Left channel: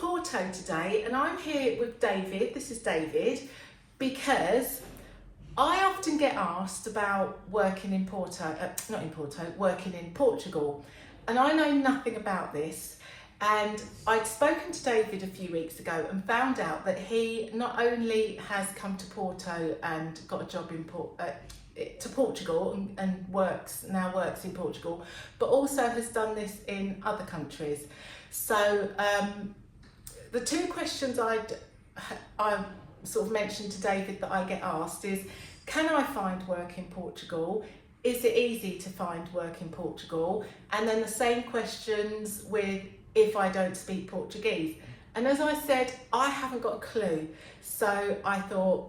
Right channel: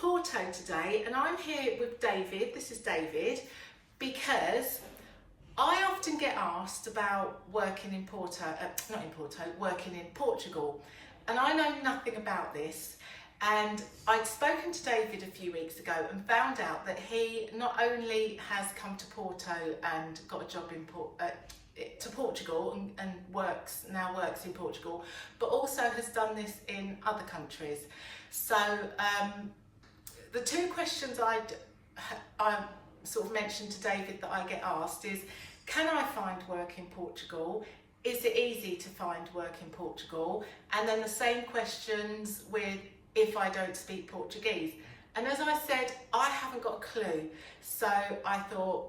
Porto today, and I'm here with David. This is David, because I often get asked about working in working in Portugal, and I know nothing about this. And I'd spoken to David a few weeks ago and found out that he not only has come to Porto and got a job in Portugal and now works in Portugal, but also has done this in other countries. So the two questions I sort of mentioned to David that I get asked is, can I find work in Portugal? Is it easy to find work in Portugal? And then the same questions with, if I don't speak Portuguese. And as I said, I haven't got a clue. So I thought,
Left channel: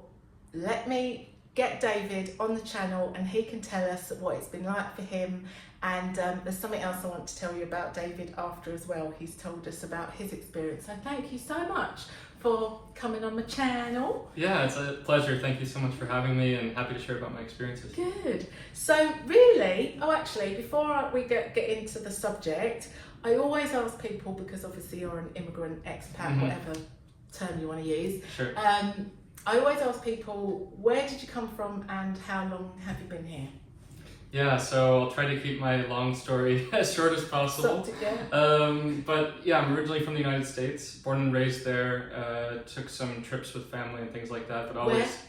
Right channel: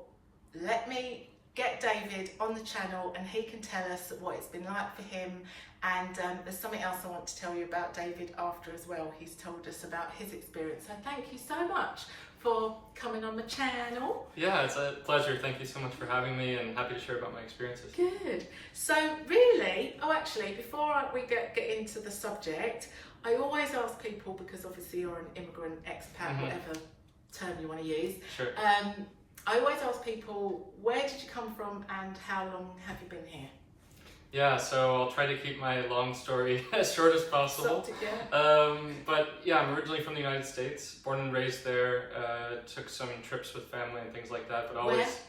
let me get David on the channel and he can tell us what it's been like for him. And there's something else I want to tell you about David after as well. He's told us about his experience. So thank you so much for coming on the channel. Yeah, it's a pleasure. Thank you so much for having me, and happy to share about my experiences. Good. So really, actually, before we get into the subject, I always ask people, because obviously you're an immigrant, expat, whatever term you want to use. Sure. I always ask people, where did you come from and how long have you been here? Yeah, so I'll try to keep my long story as short as possible. But yeah, I'm originally from the United States, born and raised there. Took some trips with family and things like that, but always.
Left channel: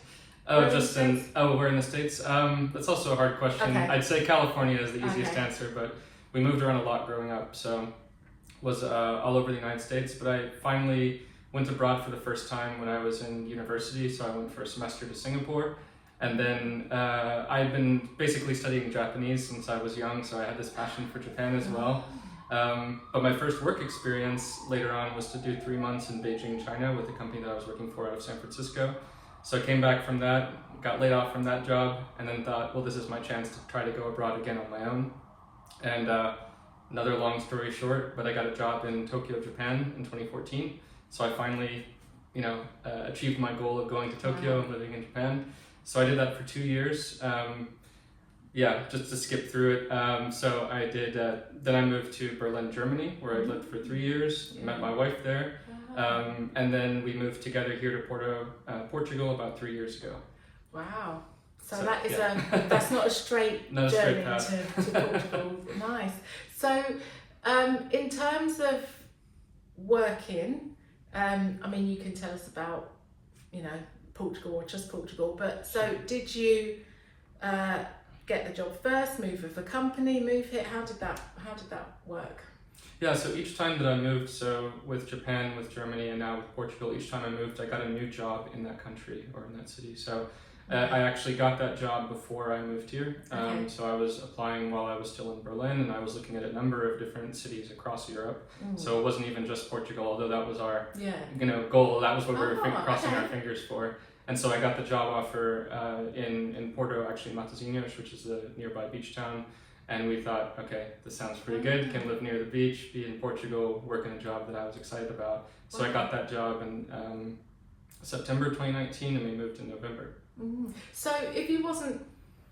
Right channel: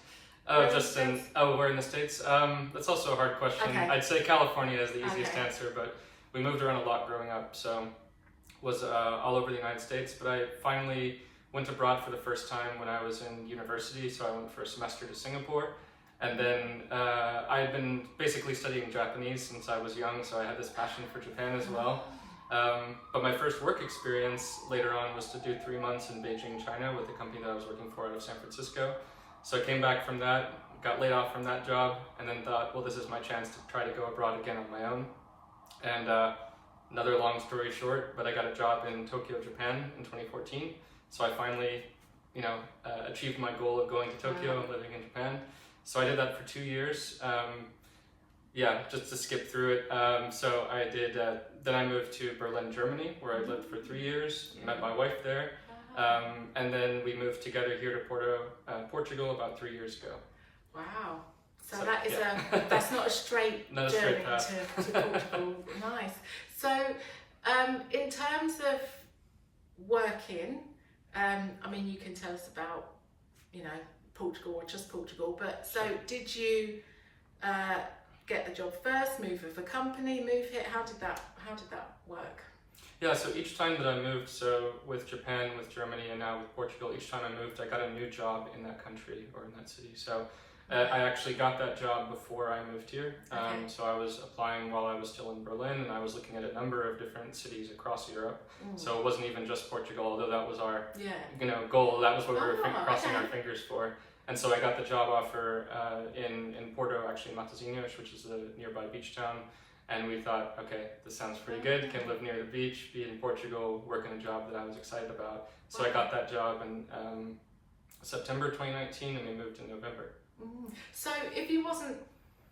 Where in the States? That's also a hard question. Okay. I'd say California is the easiest answer, but we moved around a lot growing up, so was all over the United States. But I finally went abroad for the first time when I was in university, so I went for a semester to Singapore. And then I had been basically studying Japanese since I was young, so I had this passion for Japan as well. But my first work experience later on was to do 3 months in Beijing, China with the company that I was working for out of San Francisco. So I came back from that, got laid off from that job, and then thought, well, this is my chance to try to go abroad again on my own. And another long story short, but I got a job in Tokyo, Japan in 2014. So I finally, achieved my goal of going to Tokyo and living in Japan. So I did that for 2 years. Just to skip through it. So I did, then I moved to Berlin, Germany, where I lived for 3 years, met my wife there. And then we moved together here to Porto, Portugal about 3 years ago. Wow. So that is that's not a straight journey to Portugal. Nice. So in terms of working, you can tell us about, Portugal or just Portugal, but so did you get the job first, move with a company, move here? How did that work? Yeah, so each time that I moved, so with Japan, with Germany, and now with Portugal, each time I moved, I got a new job in that country or in that city. So I actually got that job before I moved here. So I was applying while I was still in Berlin, and I was looking at a number of different cities across Europe. So it wasn't even just Portugal, although that was our goal. That was what we were crossing our fingers for. And so I got the job offer in Porto, actually Matosinhos, which is a nearby beach town. And we thought, okay, this sounds pretty good. Can live near the beach, be in Portugal, work in a job that I was excited about. So I got that job in September 2019, and we moved in November. So if you wasn't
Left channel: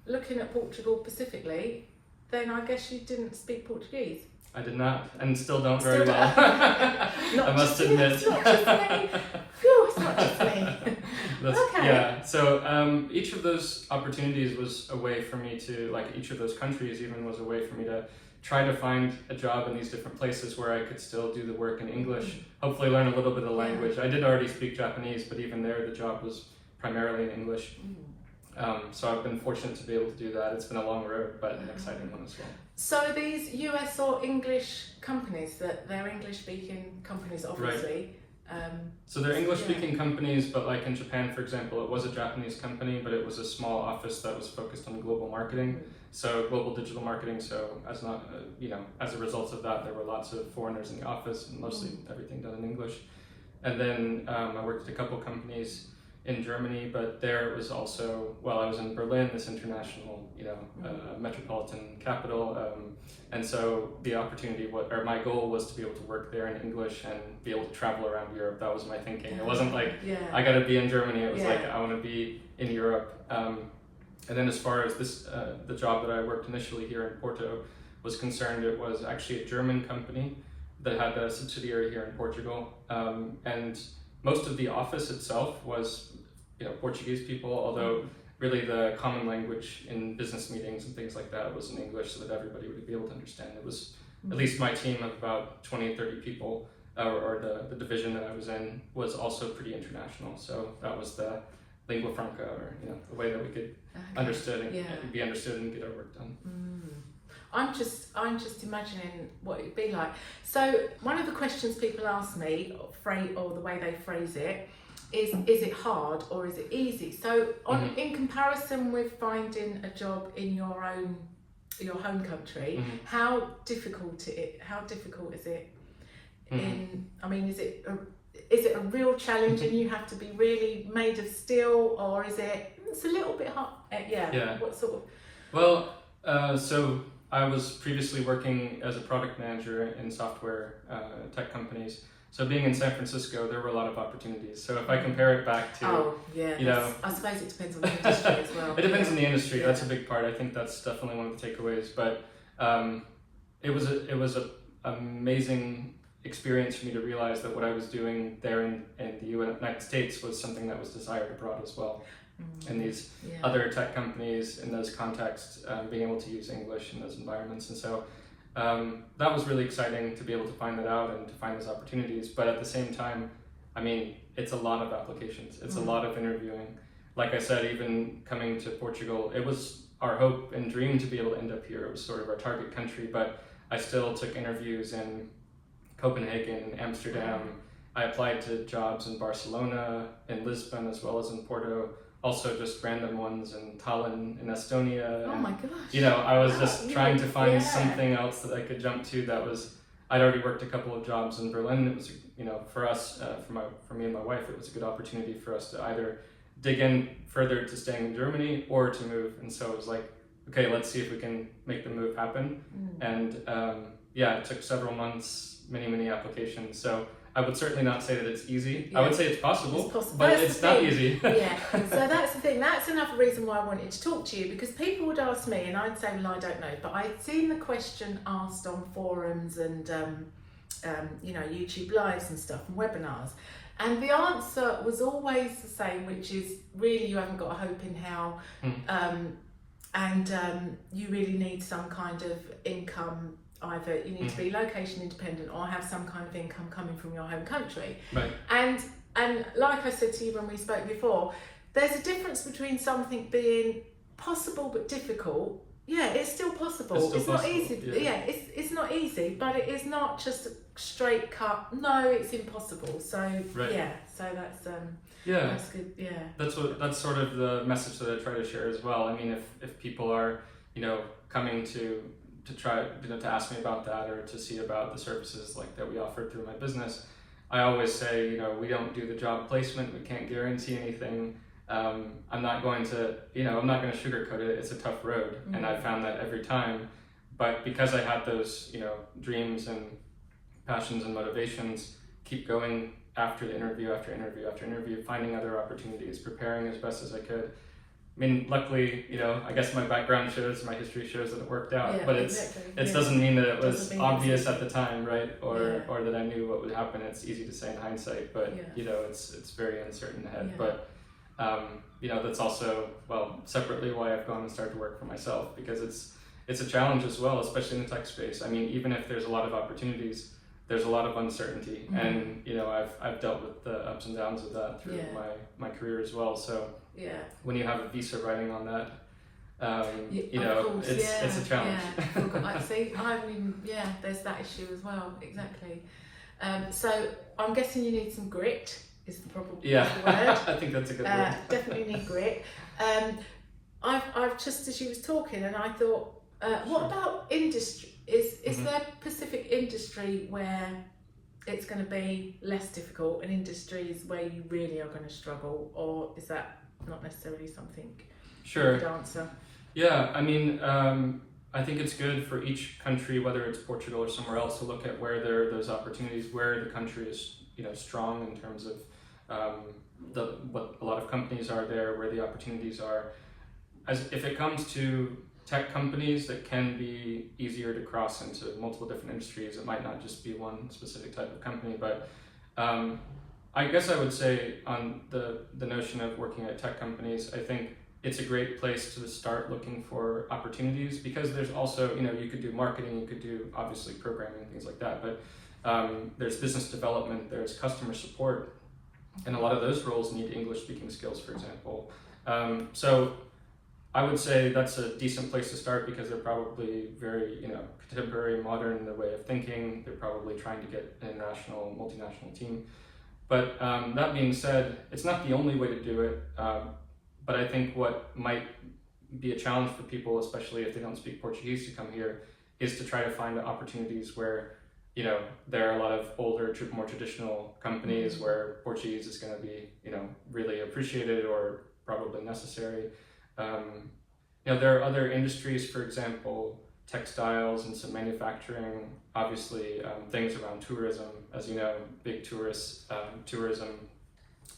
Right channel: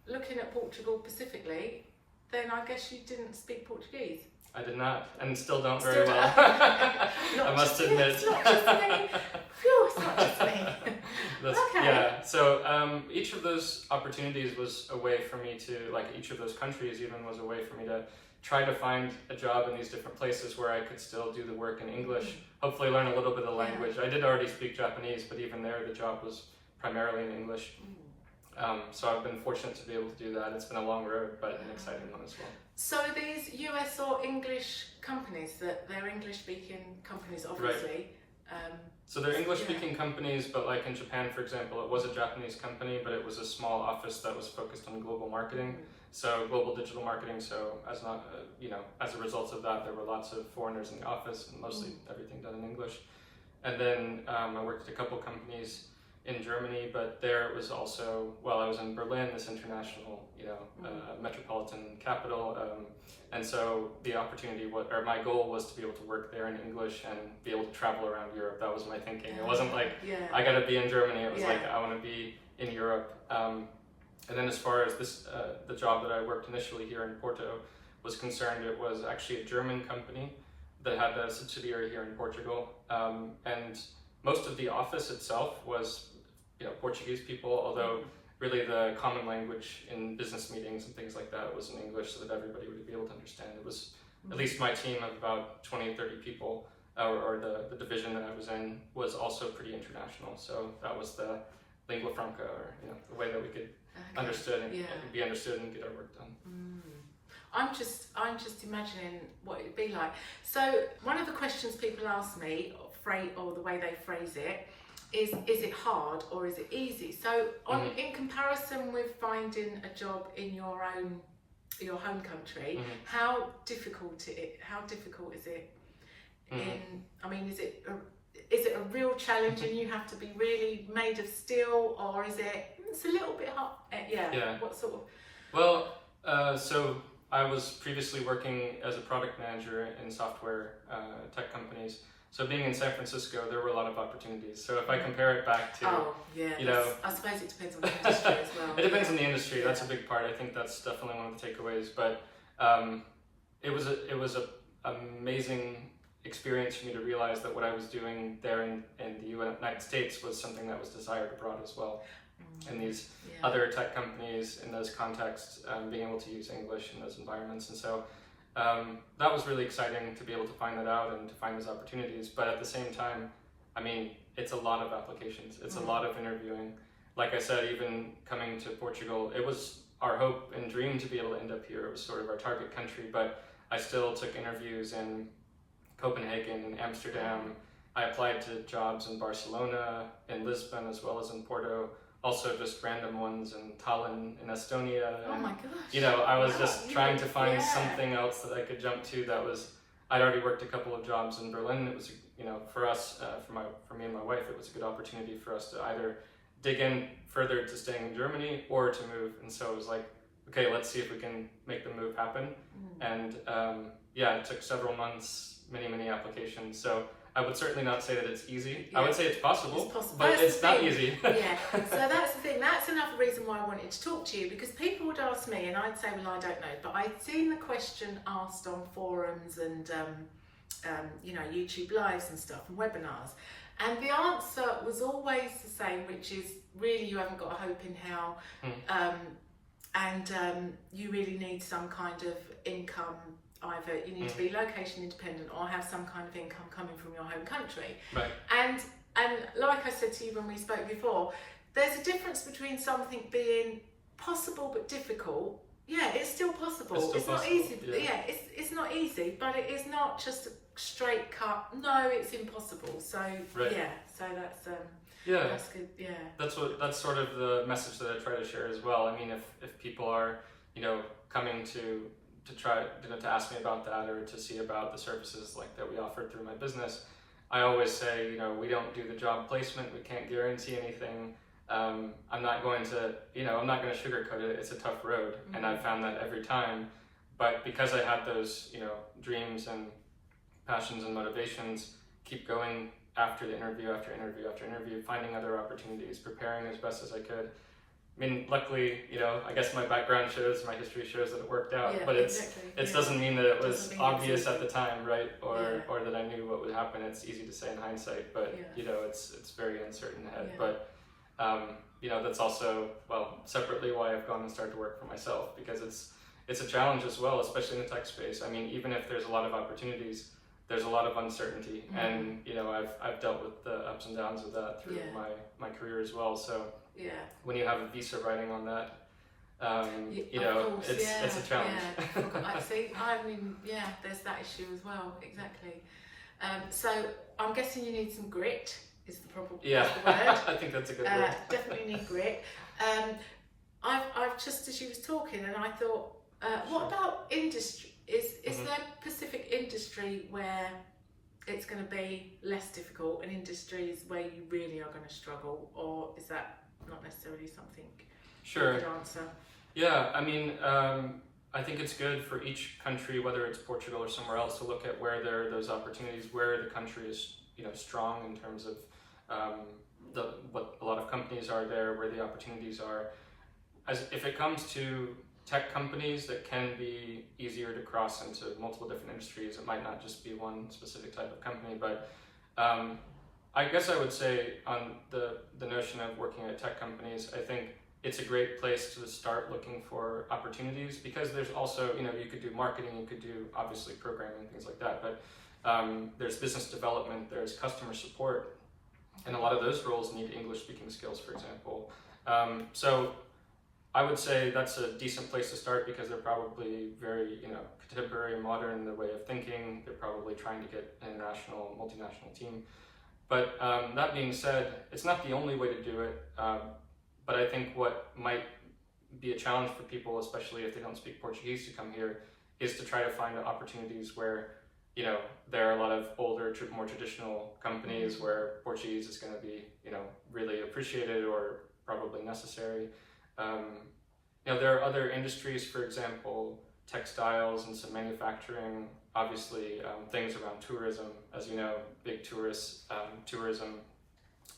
looking at Portugal specifically, then I guess you didn't speak Portuguese. I did not, and still don't very well. I must admit. It's not just me. Phew, it's not just me. Okay. Yeah, so each of those opportunities was a way for me to, each of those countries even was a way for me to try to find a job in these different places where I could still do the work in English, hopefully learn a little bit of language. I did already speak Japanese, but even there the job was primarily in English. So I've been fortunate to be able to do that. It's been a long road, but an exciting one as well. So are these US or English companies, that they're English-speaking companies, obviously? Right. So they're English-speaking companies, but like in Japan, for example, it was a Japanese company, but it was a small office that was focused on global marketing. So global digital marketing. So as a result of that, there were lots of foreigners in the office, and mostly everything done in English. And then I worked at a couple companies in Germany, but there it was also, I was in Berlin, this international, metropolitan capital, and so the opportunity, my goal was to be able to work there in English and be able to travel around Europe. That was my thinking. It wasn't like, I gotta be in Germany, it was like, I wanna be in Europe. And then as far as this, the job that I worked initially here in Porto was concerned, it was actually a German company that had a subsidiary here in Portugal, and most of the office itself was, Portuguese people, although really the common language in business meetings and things like that was in English, so that everybody would be able to understand. It was at least my team of about 20 or 30 people, or the division that I was in, was also pretty international. So that was the lingua franca, or the way that we could be understood and get our work done. I'm just imagining what it'd be like. So one of the questions people ask me, or the way they phrase it, is it hard or is it easy? So in comparison with finding a job in your home country, how difficult is it? Is it a real challenge and you have to be really made of steel, or is it's a little bit hard? What sort of? Well, so I was previously working as a product manager in software tech companies. So being in San Francisco, there were a lot of opportunities. So if I compare it back to, I suppose it depends on the industry as well. It depends on the industry. Yeah. That's a big part. I think that's definitely one of the takeaways. But it was an amazing experience for me to realize that what I was doing there in the United States was something that was desired abroad as well. In these other tech companies, in those contexts, being able to use English in those environments. And so that was really exciting to be able to find that out and to find those opportunities. But at the same time, it's a lot of applications. It's a lot of interviewing. Like I said, even coming to Portugal, it was our hope and dream to be able to end up here. It was sort of our target country, but I still took interviews in Copenhagen, Amsterdam. I applied to jobs in Barcelona, in Lisbon, as well as in Porto. Also just random ones in Tallinn, in Estonia. Oh my gosh. I was just trying to find something else that I could jump to that was, I'd already worked a couple of jobs in Berlin. It was, for us, for me and my wife, it was a good opportunity for us to either dig in further to staying in Germany or to move. And so it was like, okay, let's see if we can make the move happen. And it took several months, many applications. So I would certainly not say that it's easy. I would say it's possible, but it's not easy. So that's the thing. That's another reason why I wanted to talk to you, because people would ask me and I'd say, well, I don't know. But I'd seen the question asked on forums and, YouTube lives and stuff and webinars. And the answer was always the same, which is really you haven't got a hope in hell. You really need some kind of income. Either you need to be location independent or have some kind of income coming from your home country. Right. And like I said to you when we spoke before, there's a difference between something being possible but difficult. Yeah, it's still possible. It's not easy. Yeah, it's not easy, but it is not just a straight cut. No, it's impossible. So so that's that's good. Yeah. That's sort of the message that I try to share as well. If people are coming to try to ask me about that or to see about the services like that we offer through my business, I always say, we don't do the job placement. We can't guarantee anything. I'm not going to sugarcoat it. It's a tough road, and I've found that every time. But because I had those, dreams and passions and motivations, keep going after the interview, after interview, after interview, finding other opportunities, preparing as best as I could. Luckily, I guess my background shows, my history shows that it worked out, but it doesn't mean that it was obvious at the time, right? Or that I knew what would happen. It's easy to say in hindsight, but it's very uncertain ahead. But that's also, separately why I've gone and started to work for myself, because it's a challenge as well, especially in the tech space. Even if there's a lot of opportunities, there's a lot of uncertainty, and I've dealt with the ups and downs of that through my career as well. So when you have a visa writing on that, it's a challenge. There's that issue as well. Exactly. So I'm guessing you need some grit. Is the probably word. I think that's a good word. Definitely need grit. I've just, as you was talking, and I thought, what about industry? Is there a specific industry where it's going to be less difficult, and industries where you really are going to struggle, or is that not necessarily something you could answer? Yeah, I think it's good for each country, whether it's Portugal or somewhere else, to look at where there are those opportunities, where the country is strong in terms of what a lot of companies are there, where the opportunities are. If it comes to tech companies that can be easier to cross into multiple different industries. It might not just be one specific type of company, but I guess I would say on the notion of working at tech companies, I think it's a great place to start looking for opportunities, because there's also, you could do marketing, you could do obviously programming, things like that, but there's business development, there's customer support, and a lot of those roles need English speaking skills, for example. So I would say that's a decent place to start, because they're probably very, contemporary, modern in their way of thinking. They're probably trying to get an international, multinational team. But that being said, it's not the only way to do it. But I think what might be a challenge for people, especially if they don't speak Portuguese, to come here, is to try to find opportunities where, there are a lot of older, more traditional companies where Portuguese is going to be, really appreciated or probably necessary. There are other industries, for example, textiles and some manufacturing, obviously things around tourism, as you know, big tourism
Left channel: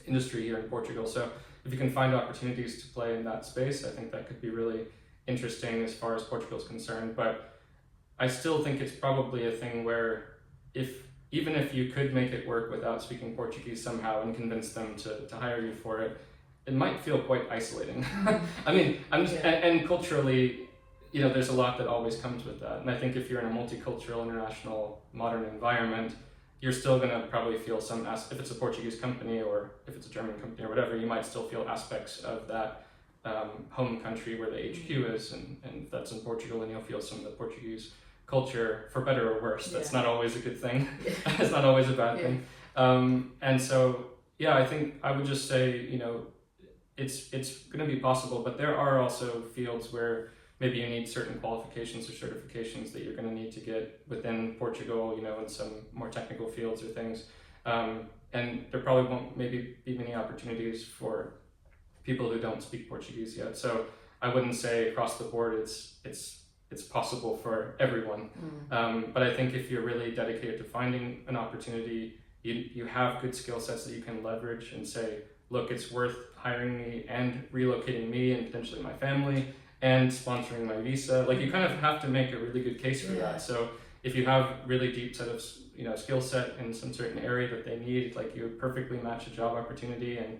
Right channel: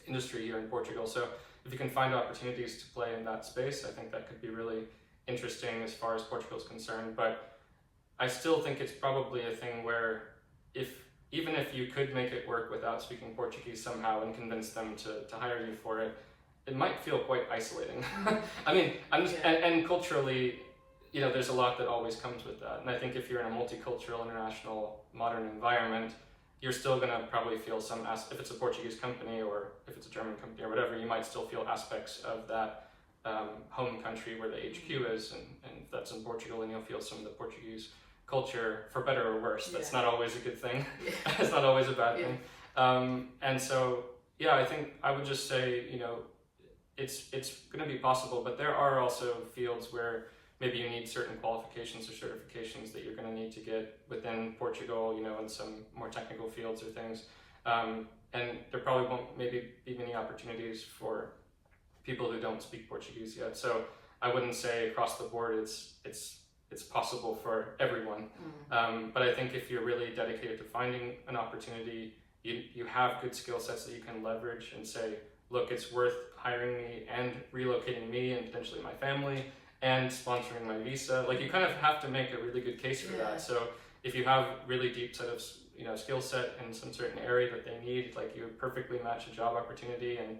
industry here in Portugal. So if you can find opportunities to play in that space, I think that could be really interesting as far as Portugal is concerned. But I still think it's probably a thing where even if you could make it work without speaking Portuguese somehow and convince them to hire you for it, it might feel quite isolating. I mean, and culturally, there's a lot that always comes with that. And I think if you're in a multicultural, international, modern environment, you're still going to probably feel if it's a Portuguese company or if it's a German company or whatever, you might still feel aspects of that home country where the HQ is. And if that's in Portugal, then you'll feel some of the Portuguese culture, for better or worse. That's not always a good thing. It's not always a bad thing. And so, I think I would just say, it's going to be possible, but there are also fields where maybe you need certain qualifications or certifications that you're going to need to get within Portugal, in some more technical fields or things. And there probably won't maybe be many opportunities for people who don't speak Portuguese yet. So I wouldn't say across the board it's possible for everyone. But I think if you're really dedicated to finding an opportunity, you have good skill sets that you can leverage and say, look, it's worth hiring me and relocating me and potentially my family and sponsoring my visa. Like, you kind of have to make a really good case for that. So if you have really deep set of skill set in some certain area that they need, like, you perfectly match a job opportunity, and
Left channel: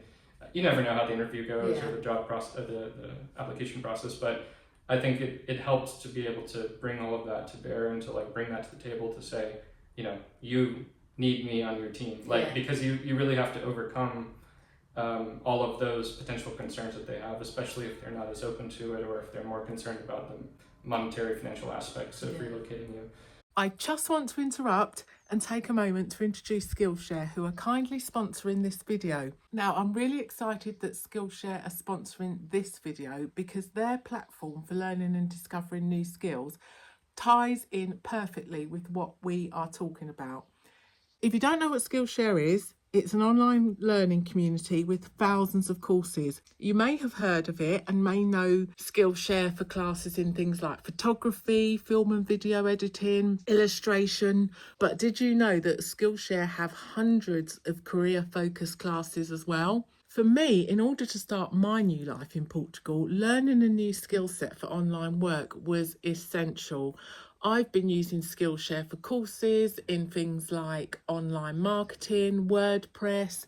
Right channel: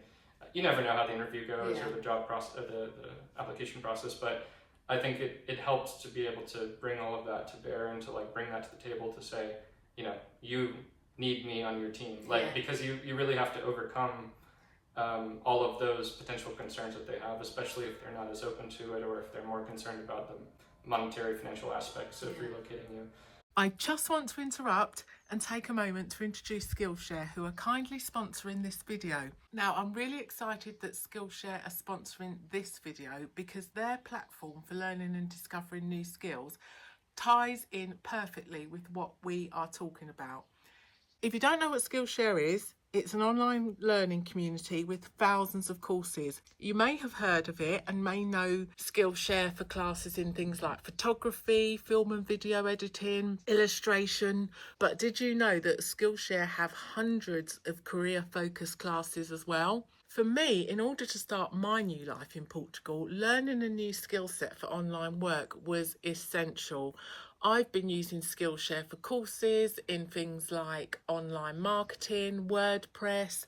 you never know how the interview goes or the job process, the application process, but I think it helps to be able to bring all of that to bear and to bring that to the table to say, you need me on your team, because you really have to overcome all of those potential concerns that they have, especially if they're not as open to it or if they're more concerned about the monetary financial aspects of relocating you. I just want to interrupt and take a moment to introduce Skillshare, who are kindly sponsoring this video. Now, I'm really excited that Skillshare are sponsoring this video because their platform for learning and discovering new skills ties in perfectly with what we are talking about. If you don't know what Skillshare is, it's an online learning community with thousands of courses. You may have heard of it and may know Skillshare for classes in things like photography, film and video editing, illustration. But did you know that Skillshare have hundreds of career-focused classes as well? For me, in order to start my new life in Portugal, learning a new skill set for online work was essential. I've been using Skillshare for courses in things like online marketing, WordPress,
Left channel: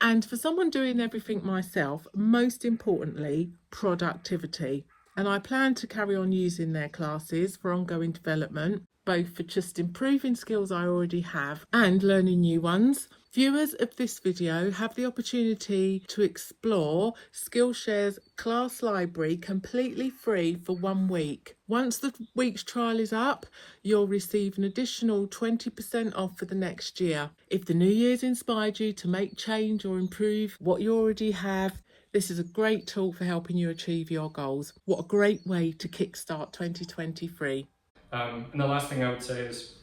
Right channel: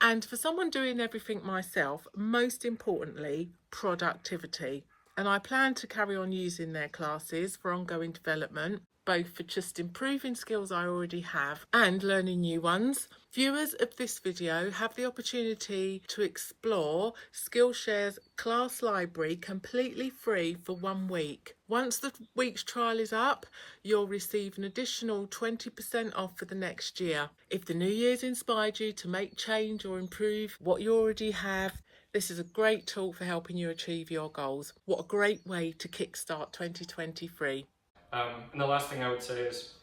and for someone doing everything myself, most importantly, productivity. And I plan to carry on using their classes for ongoing development, both for just improving skills I already have and learning new ones. Viewers of this video have the opportunity to explore Skillshare's class library completely free for 1 week. Once the week's trial is up, you'll receive an additional 20% off for the next year. If the new year's inspired you to make change or improve what you already have, this is a great tool for helping you achieve your goals. What a great way to kickstart 2023. And the last thing I would say is,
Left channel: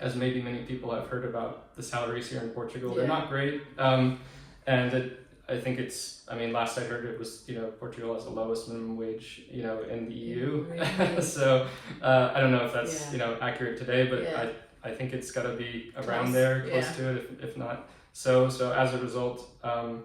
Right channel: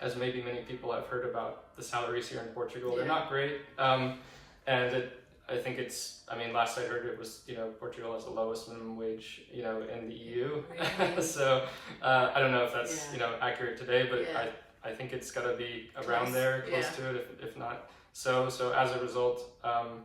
as maybe many people have heard about the salaries here in Portugal, they're not great. And I think last I heard it was, Portugal has the lowest minimum wage, in the EU. Really? So I don't know if that's, accurate today, but I think it's got to be around there, close to it, if not. So as a result, I'll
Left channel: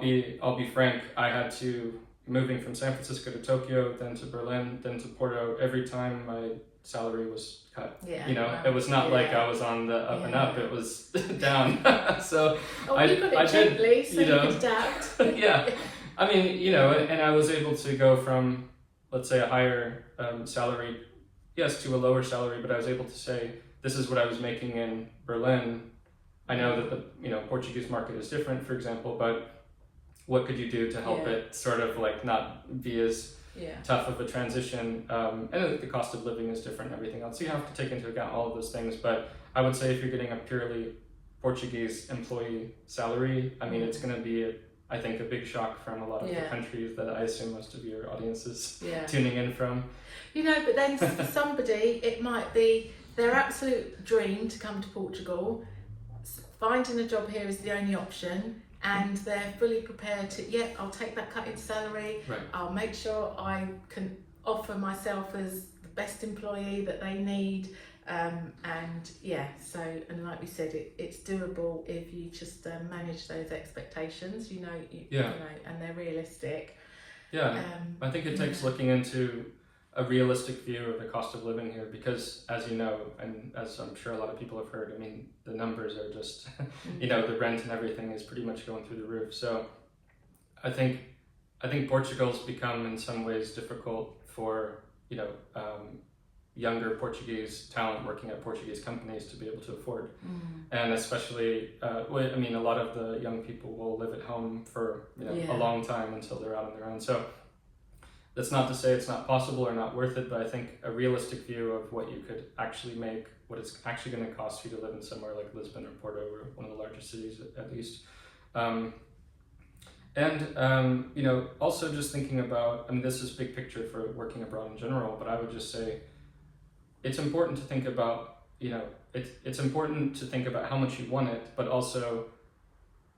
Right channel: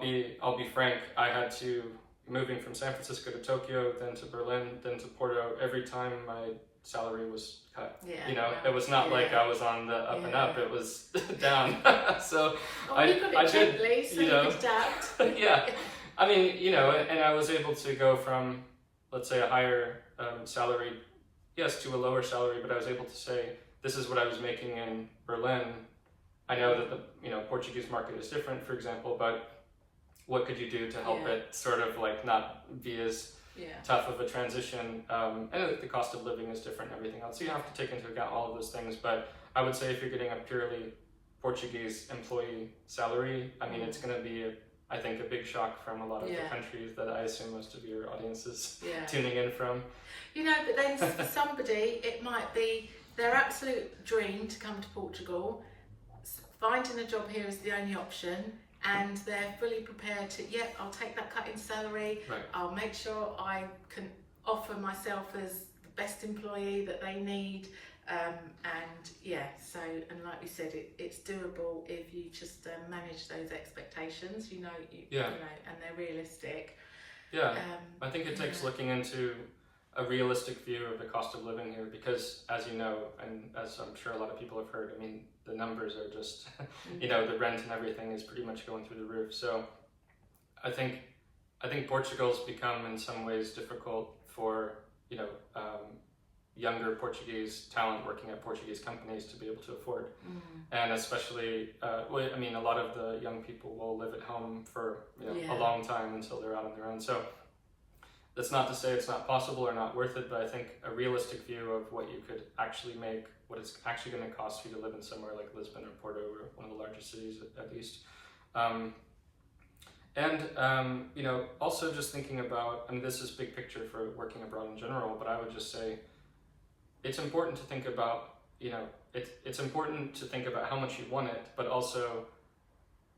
be frank, I had to moving from San Francisco to Tokyo, then to Berlin, then to Porto, every time my salary was cut. Yeah, you know, wow. it was not like I was on the up and up, it was down. So you got it gently, so you could adapt. Yeah, I mean, you know, and I was able to go from, let's say, a higher salary, yes, to a lower salary, but I was able to say, this is what I was making in Berlin. I know that the, you know, Portuguese market is different, for example, but what could you do to help it sort of like not be as tough of a transition? And the cost of living is different and everything else. So you have to take into account all of those things. But I would say if you're getting a purely Portuguese employee salary, I mean, it's going to be, I think, a big shock from a lot of the countries that I assume most of your audience is tuning in from. You know, but then somebody, it might be their absolute dream to come to Portugal, finding a job here is the only option, and they're fully prepared to, I'll take that cut in salary, I'll make sure I can offer myself as the best employee that they need, and like we said, it's doable if you just manage those expectations, you know, and they're realistic. I think it takes looking into a realistic view of the cost of living here, because as you know, and as I'm sure a lot of people have heard, I mean, the numbers are just, you know, the rent and everything is pretty much going through the roof. So I think Portugal's become in some ways difficult for, you know, younger Portuguese talent working at Portuguese companies to be able to afford. And especially, I mean, a lot of the young people will live at home for, you know, a long time until they're out on their own. So that's not to say it's not possible or not worth it, but I think a realistic view of what you could actually make, what it's actually going to cost you to live in somewhere like Lisbon or Porto, or one of the largest cities at least. You know, also just thinking about, I mean, this is big picture for working abroad in general, but I would just say it's important to think about, you know, it's important to think about how much you want it, but also,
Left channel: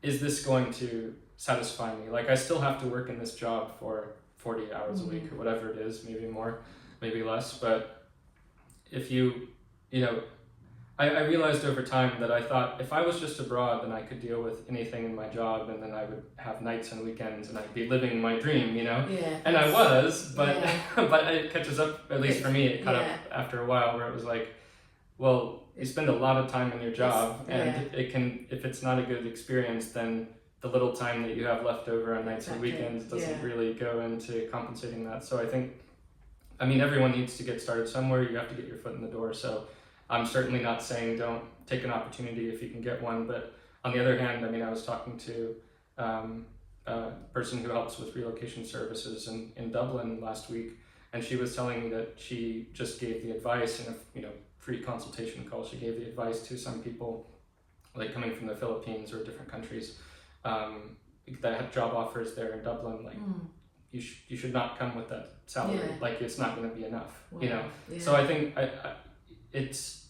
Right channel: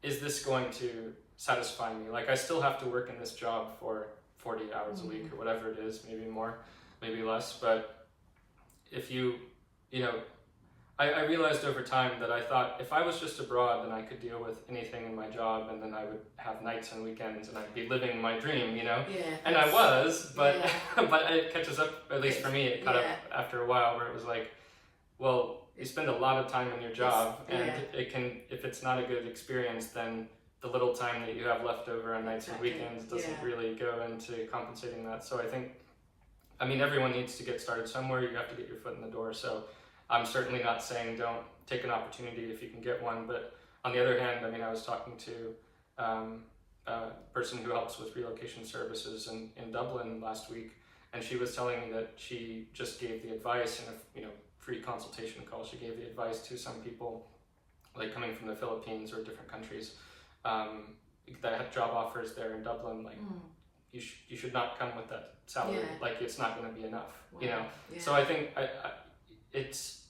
is this going to satisfy me? Like, I still have to work in this job for 40 hours a week or whatever it is, maybe more, maybe less. But if you know, I realized over time that I thought if I was just abroad, then I could deal with anything in my job, and then I would have nights and weekends and I'd be living my dream, you know? And I was, but but it catches up, at least for me, it caught up after a while, where it was like, well, you spend a lot of time in your job, and it can, if it's not a good experience, then the little time that you have left over on nights and weekends doesn't really go into compensating that. So I think, I mean, everyone needs to get started somewhere. You have to get your foot in the door. So I'm certainly not saying don't take an opportunity if you can get one. But on the other hand, I mean, I was talking to a person who helps with relocation services in Dublin last week, and she was telling me that she just gave the advice in a, you know, free consultation call. She gave the advice to some people, like coming from the Philippines or different countries, that have job offers there in Dublin, like you should not come with that salary, like it's not going to be enough, you know. So I think it's,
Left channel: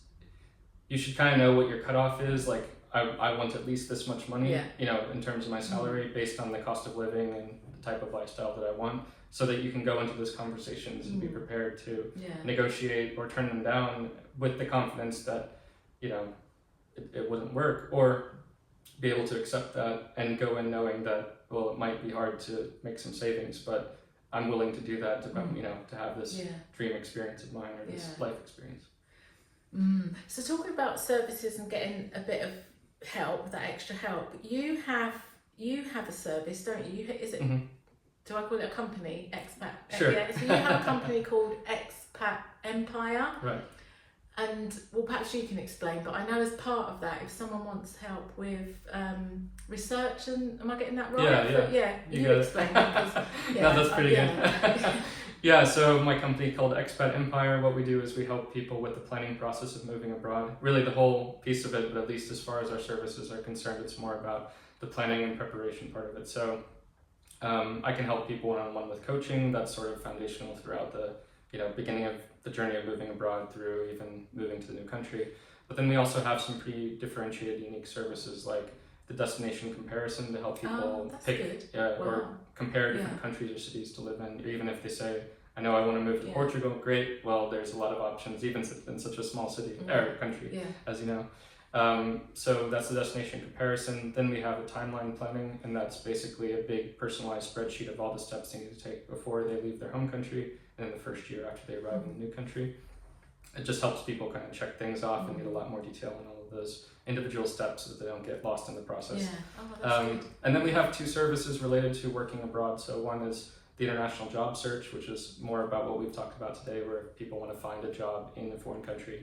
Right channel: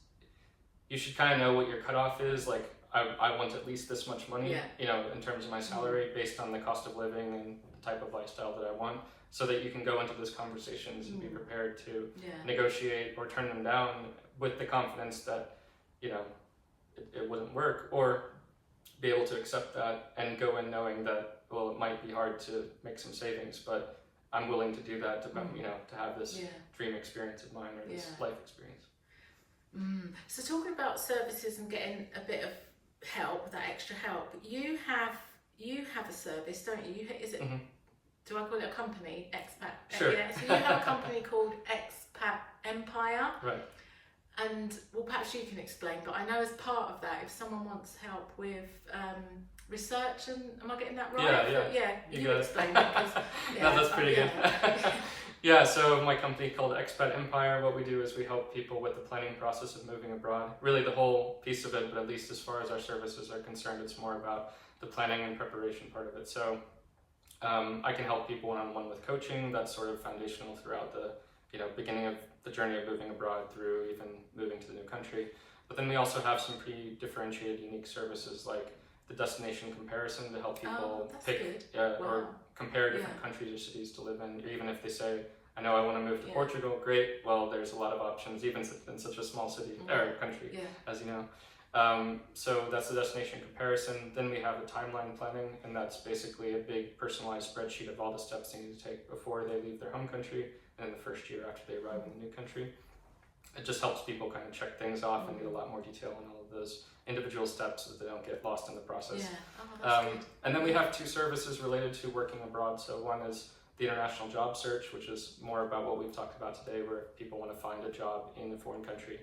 you should kind of know what your cutoff is. Like I want at least this much money, you know, in terms of my salary, based on the cost of living and the type of lifestyle that I want, so that you can go into those conversations and be prepared to negotiate or turn them down with the confidence that, you know, it wouldn't work, or be able to accept that and go in knowing that, well, it might be hard to make some savings, but I'm willing to do that to, you know, to have this dream experience of mine, or this life experience. So talking about services and getting a bit of help, that extra help, you have a service, don't you? Is it? Do I call it a company? Expat. Sure. So you have a company called Expat Empire. Right. And well, perhaps you can explain, but I know as part of that, if someone wants help with research, and am I getting that right? You explain that. No, that's pretty good. So my company called Expat Empire, what we do is we help people with the planning process of moving abroad. Really the whole piece of it, but at least as far as our services are concerned, it's more about the planning and preparation part of it. So I can help people one-on-one with coaching. That's sort of foundational throughout the, you know, beginning of the journey of moving abroad through even moving to the new country. But then we also have some pretty differentiated, unique services, like the destination comparison, to help people pick or compare different countries or cities to live in. Or even if they say, I know I want to move to Portugal, great. Well, there's a lot of options, even in such a small city or country, as you know. So that's the destination comparison. Then we have a timeline planning, and that's basically a big personalized spreadsheet of all the steps they need to take before they leave their home country and in the first year after they arrive in the new country. It just helps people kind of check things off and get a lot more detail on all of those individual steps so that they don't get lost in the process. Yeah. Oh, that's good. And then we have 2 services related to working abroad. So one is the international job search, which is more about what we've talked about today, where people want to find a job in a foreign country.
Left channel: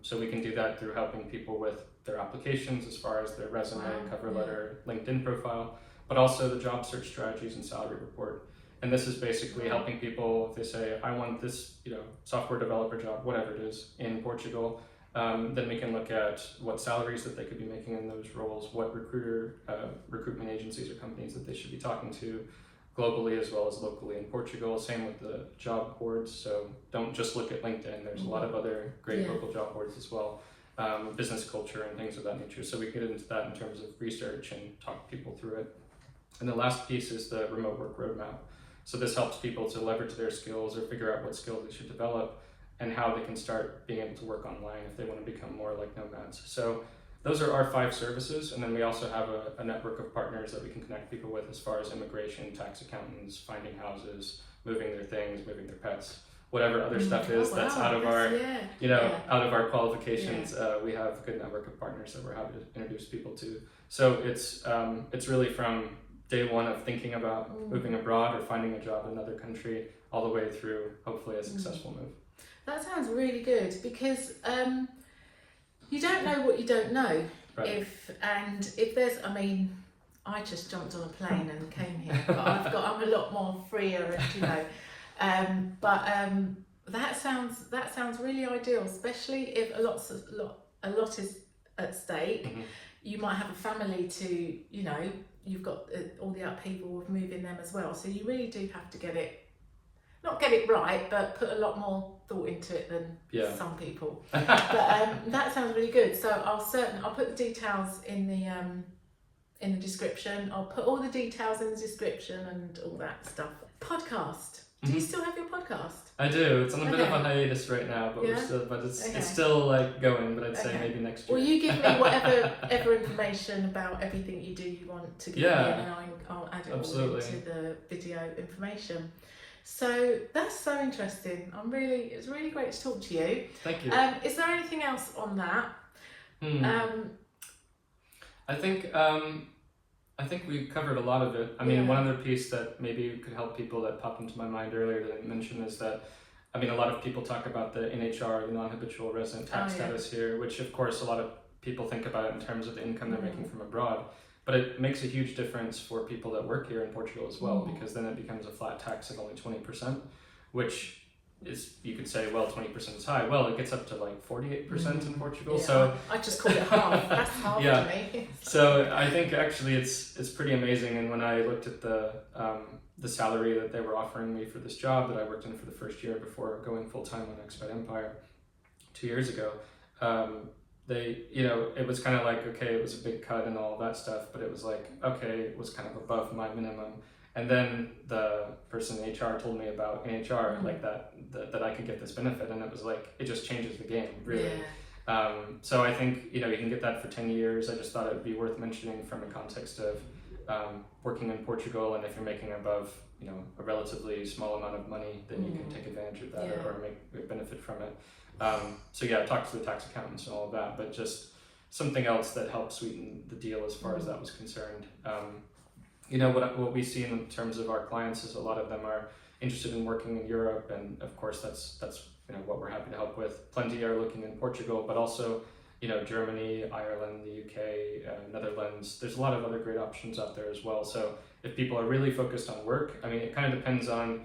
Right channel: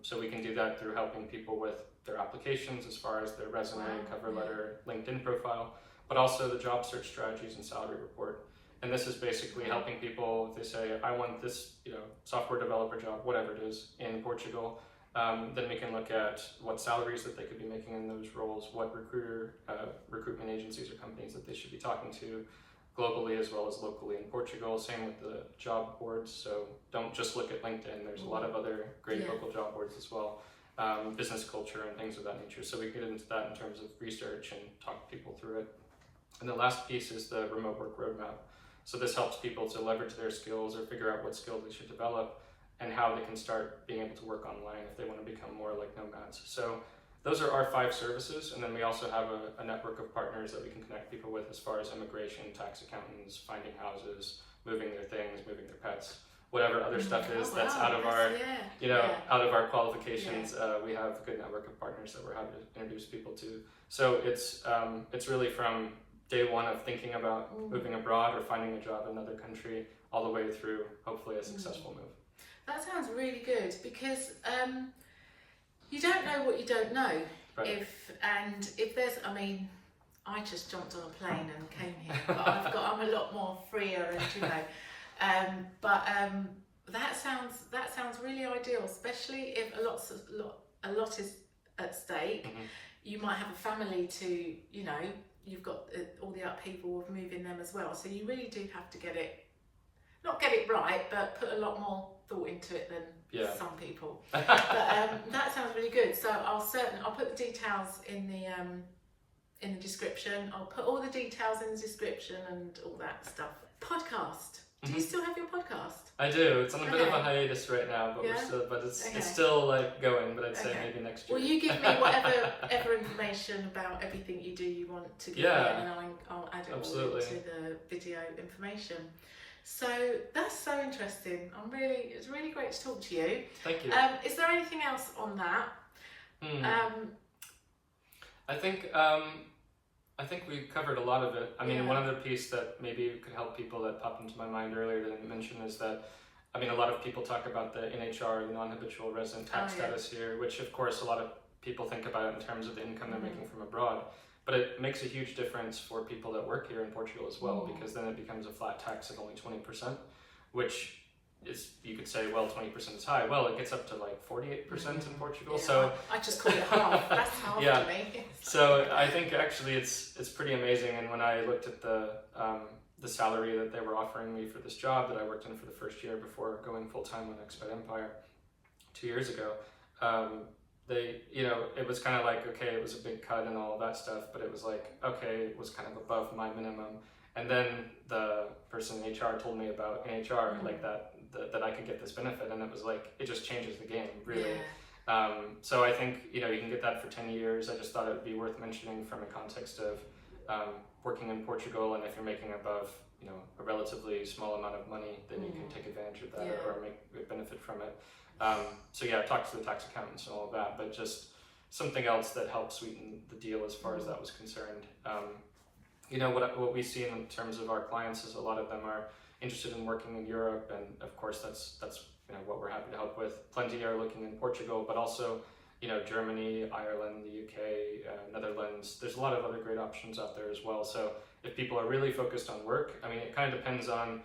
So we can do that through helping people with their applications as far as their resume, cover letter, LinkedIn profile, but also the job search strategies and salary report. And this is basically helping people, if they say, I want this, software developer job, whatever it is, in Portugal, then we can look at what salaries that they could be making in those roles, what recruitment agencies or companies that they should be talking to globally as well as locally in Portugal. Same with the job boards. So don't just look at LinkedIn. There's a lot of other great local job boards as well, business culture and things of that nature. So we get into that in terms of research and talk people through it. And the last piece is the remote work roadmap. So this helps people to leverage their skills or figure out what skills they should develop and how they can start being able to work online if they want to become more like nomads. So those are our 5 services, and then we also have a network of partners that we can connect people with as far as immigration, tax accountants, finding houses, moving their things, moving their pets, whatever other stuff is that's out of our, out of our qualifications. We have a good network of partners that we're happy to introduce people to. So it's really from day one of thinking about moving abroad or finding a job in another country, all the way through hopefully a successful move. That sounds really good, because you don't know what you don't know. Right. If there's, I just jumped on a plane and came here, but I'm a lot more freer, but that sounds really ideal, especially if a lot is at stake. You might have a family to, you've got all the upheaval of moving them as well. So you really do have to not get it right, but put a lot more thought into it than some people. But that sounds really good. So I'll put the details in the description. I'll put all the details in the description and all that stuff. Podcast. Do you still have your podcast? I do. It's on a bit of a hiatus right now, but it's still like going. But I'd say maybe next year. Well, you give me whatever information about everything you do you want to give me, and I'll add it all into the video information. So that's so interesting. It's really great to talk to you. Thank you. Is there anything else on that? I think we covered a lot of it. One other piece that maybe could help people that popped into my mind earlier that I mentioned is that, a lot of people talk about the NHR, non-habitual resident tax status here, which of course a lot of people think about it in terms of the income they're making from abroad. But it makes a huge difference for people that work here in Portugal as well, because then it becomes a flat tax of only 20%, which is, you could say, well, 20% is high. Well, it gets up to like 48% in Portugal. So I just call it half. That's half to me. So I think actually it's pretty amazing. And when I looked at the salary that they were offering me for this job that I worked in for the first year before going full time on Expat Empire 2 years ago, it was kind of like, okay, it was a big cut and all that stuff, but it was like, okay, it was kind of above my minimum. And then the person in HR told me about NHR, like that I could get this benefit, and it was like, it just changes the game, really. So I think, you can get that for 10 years. I just thought it would be worth mentioning from a context of working in Portugal, and if you're making above, a relatively small amount of money, then you can take advantage of that or make benefit from it. Talk to the tax accountants and all of that, but just something else that helped sweeten the deal as far as that was concerned. What we see in terms of our clients is a lot of them are interested in working in Europe, and of course that's what we're happy to help with. Plenty are looking in Portugal, but also Germany, Ireland, the UK, Netherlands. There's a lot of other great options out there as well. So if people are really focused on work, it kind of depends on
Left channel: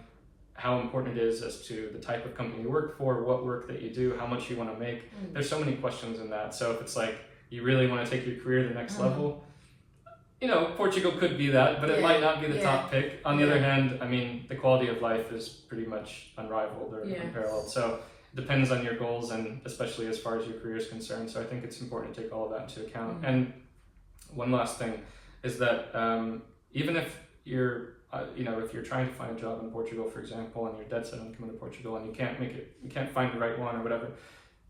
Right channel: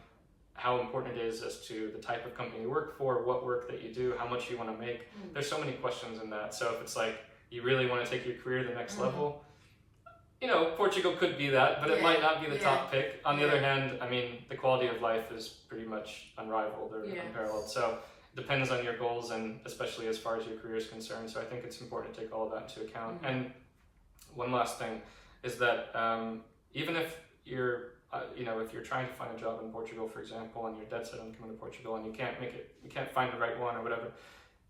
how important it is as to the type of company you work for, what work that you do, how much you want to make. There's so many questions in that. So if it's like you really want to take your career to the next level, Portugal could be that, but it might not be the top pick. On the other hand, the quality of life is pretty much unrivaled or unparalleled. So it depends on your goals, and especially as far as your career is concerned. So I think it's important to take all of that into account. And one last thing is that even if you're if you're trying to find a job in Portugal, for example, and you're dead set on coming to Portugal and you can't find the right one or whatever,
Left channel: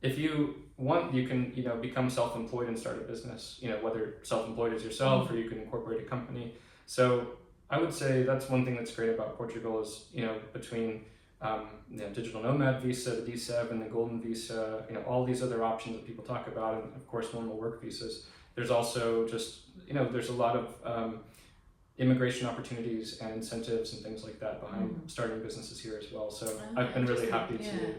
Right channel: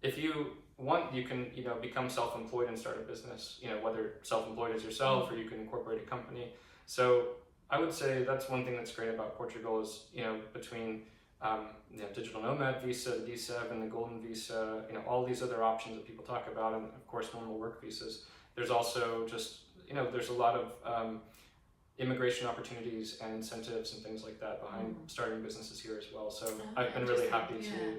if you want, you can, become self-employed and start a business, whether self-employed as yourself or you can incorporate a company. So I would say that's one thing that's great about Portugal is, between digital nomad visa, the D7, the golden visa, all these other options that people talk about, and of course normal work visas. There's also just, there's a lot of immigration opportunities and incentives and things like that behind starting businesses here as well. So I've been really happy to,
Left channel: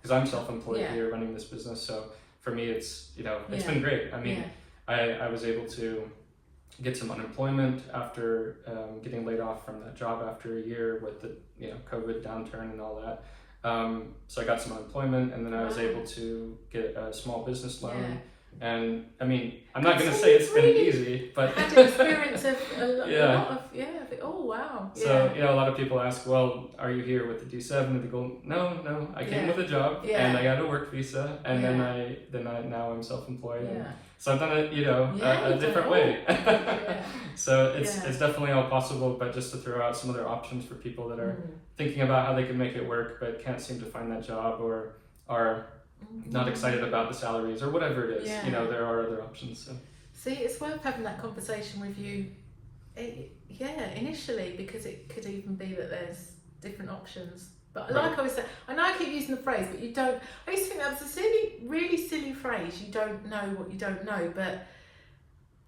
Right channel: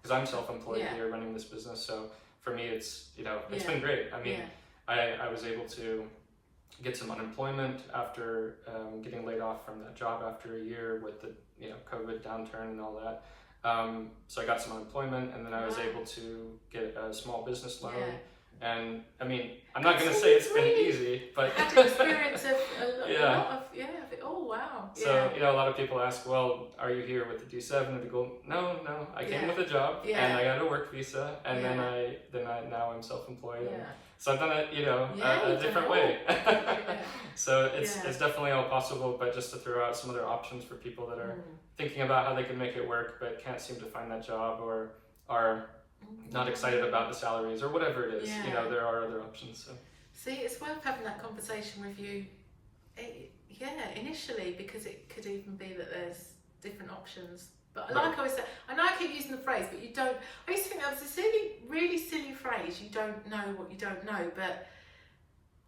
because I'm self-employed here running this business. So for me, it's, it's been great. I mean, I was able to get some unemployment after getting laid off from that job after a year with the COVID downturn and all that. So I got some unemployment, and then I was able to get a small business loan. And I mean, I'm not going to say it's been easy, but had experience of a lot of oh wow. So a lot of people ask, well, are you here with the D7 or the gold? No, I came with a job and I got a work visa, and then I now I'm self-employed. And so I've done it, a different way. So it's definitely all possible, but just to throw out some other options for people that are thinking about how they can make it work but can't seem to find that job or are not excited about the salaries or whatever it is. There are other options. So. See, it's worth having that conversation with you. Initially, because it could even be that there's different options. But like I was saying, I know I keep using the phrase, but you don't. I used to think that was a really silly phrase. You don't know what you don't know, but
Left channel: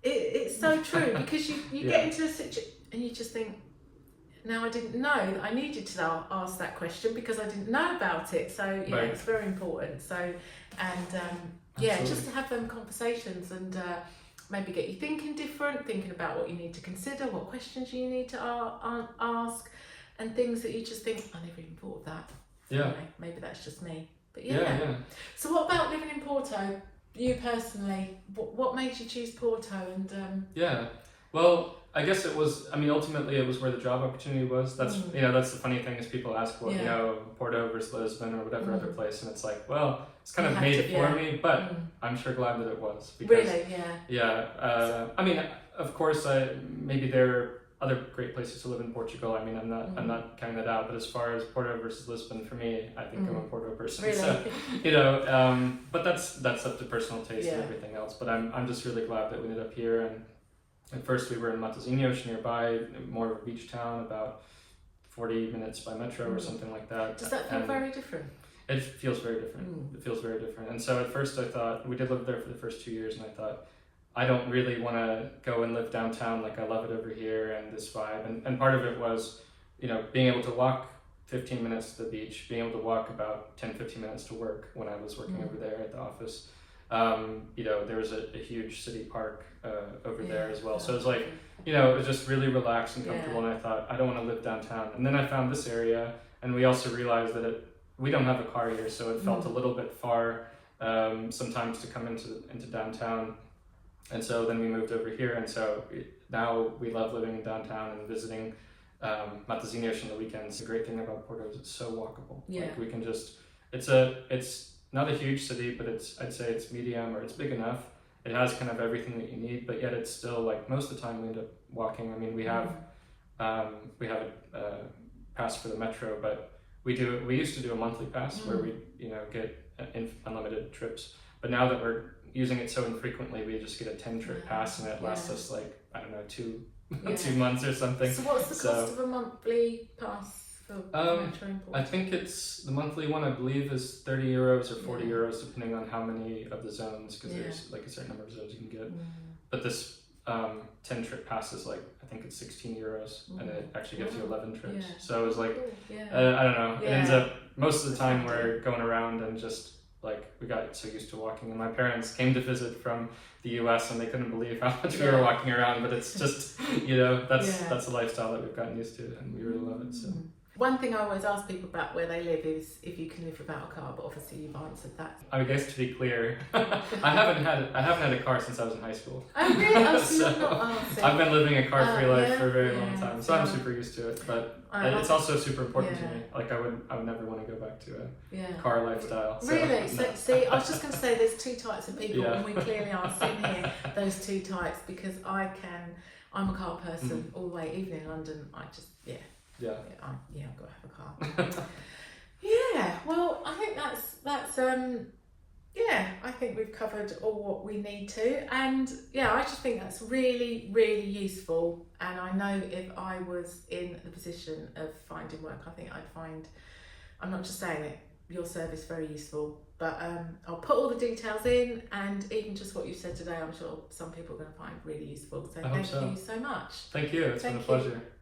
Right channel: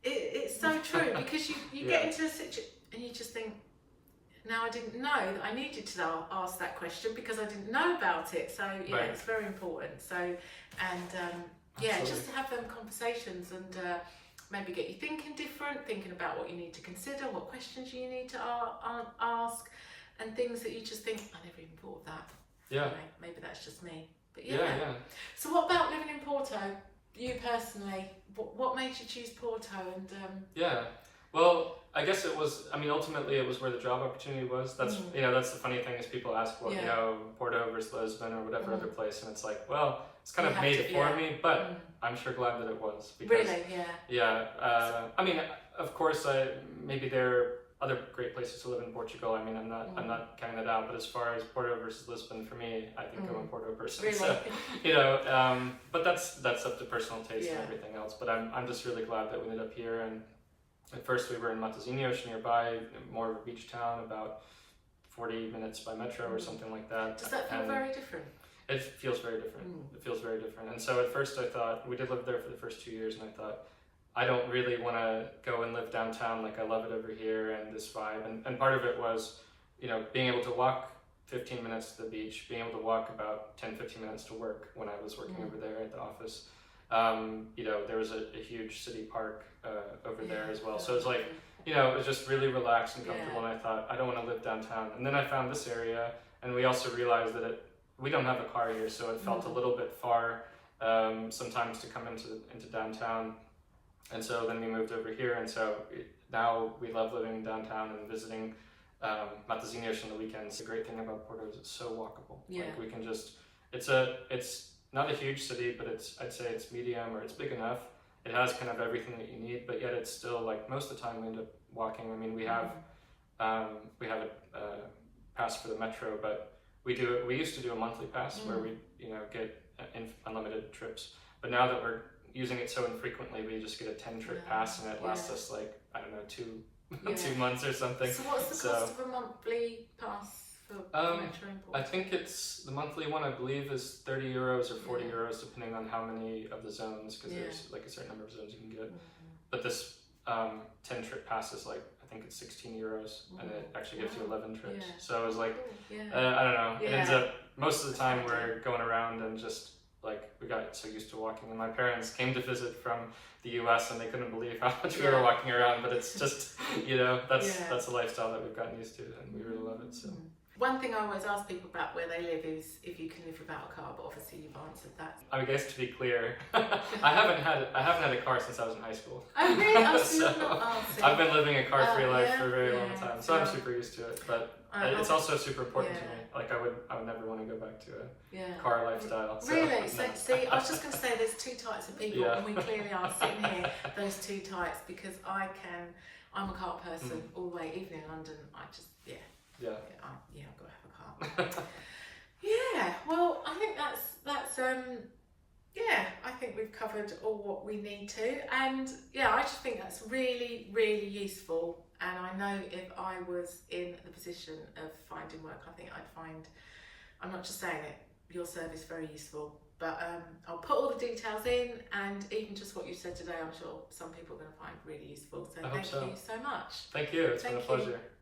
it's so true because you get into a situation and you just think, now I didn't know. I needed to ask that question because I didn't know about it. So it's very important. So and just to have them conversations and maybe get you thinking about what you need to consider, what questions you need to ask, and things that you just think, I never even thought of that. Anyway, maybe that's just me. But So what about living in Porto? You personally, what made you choose Porto? And well, I guess it was, ultimately it was where the job opportunity was. That's, that's the funny thing is people ask, well, Porto versus Lisbon or whatever other place. And it's like, well, it's kind of made for me, but I'm sure glad that it was. Because, of course, maybe there are other great places to live in Portugal. I'm not counting that out, but as far as Porto versus Lisbon, for me, I think I'm a Porto person. Really? So, but that's up to personal taste and everything else. But I'm just really glad that we ended up here. And at first we were in Matosinhos nearby, more of a beach town, about 40 minutes by metro or something like that. Does that feel very different? It feels very different. It feels very different. And so at first I thought, we did live there for the first 2 years, and I thought, I don't really want to go and live downtown like I love it over here and this vibe. And part of it was, being able to walk 15 minutes to the beach, being able to walk about 10-15 minutes to work when I was working over there at the office. There was a huge city park over there as well. So it's like, it was just really relaxed and comfortable. And I thought, I don't want to live downtown. And then I found this area, and we also realized that we don't have a car here, so it felt a little bit far sometimes to come into downtown. And so then we moved over here, and so now we love living in downtown and visiting Matosinhos on the weekends. The great thing about Porto is it's so walkable. Like we can just, it's not a huge city, but I'd say it's medium or it's big enough. It has kind of everything that you need, but yet it's still like most of the time we end up walking. We have a pass for the metro, but we used to do a monthly pass where we get unlimited trips. But now that we're using it so infrequently, we just get a 10-trip pass, and it lasts us like, I don't know, 2 months or something. So what's the cost of a monthly pass? I think it's the monthly one, I believe, is 30 euros or 40 euros, depending on how many of the zones, because there's like a certain number of zones you can get. But this 10-trip pass is like, I think it's 16 euros, and it actually gives you 11 trips. So it was like, I don't know, it ends up, most of the time we're going around and just like, we got so used to walking. And my parents came to visit from the US, and they couldn't believe how much we were walking around, but it's just, that's the lifestyle that we've gotten used to, and we really love it. So. One thing I always ask people about where they live is if you can live without a car, but obviously you've answered that. I guess to be clear, I haven't had a car since I was in high school. Oh really? So I've been living a car-free life for a very long time, so I'm super used to it. But it's also super important to me. Like I would never want to go back to a car lifestyle. So, really? So see, I was just going to say there's two types of people, and we clearly are sitting here. Those two types, because I'm a car person all the way. Even in London, I just I've got to have a car. Well, I think that's yeah, I think we've covered all what we need to, and yeah, I just think that's really, really useful. And I know if I was in the position of finding work, I think I'd find, I'm not just saying it, your service very useful. But I'll put all the details in, and even just what you said today, I'm sure some people are going to find really useful. So thank you so much. Thank you. It's been a pleasure.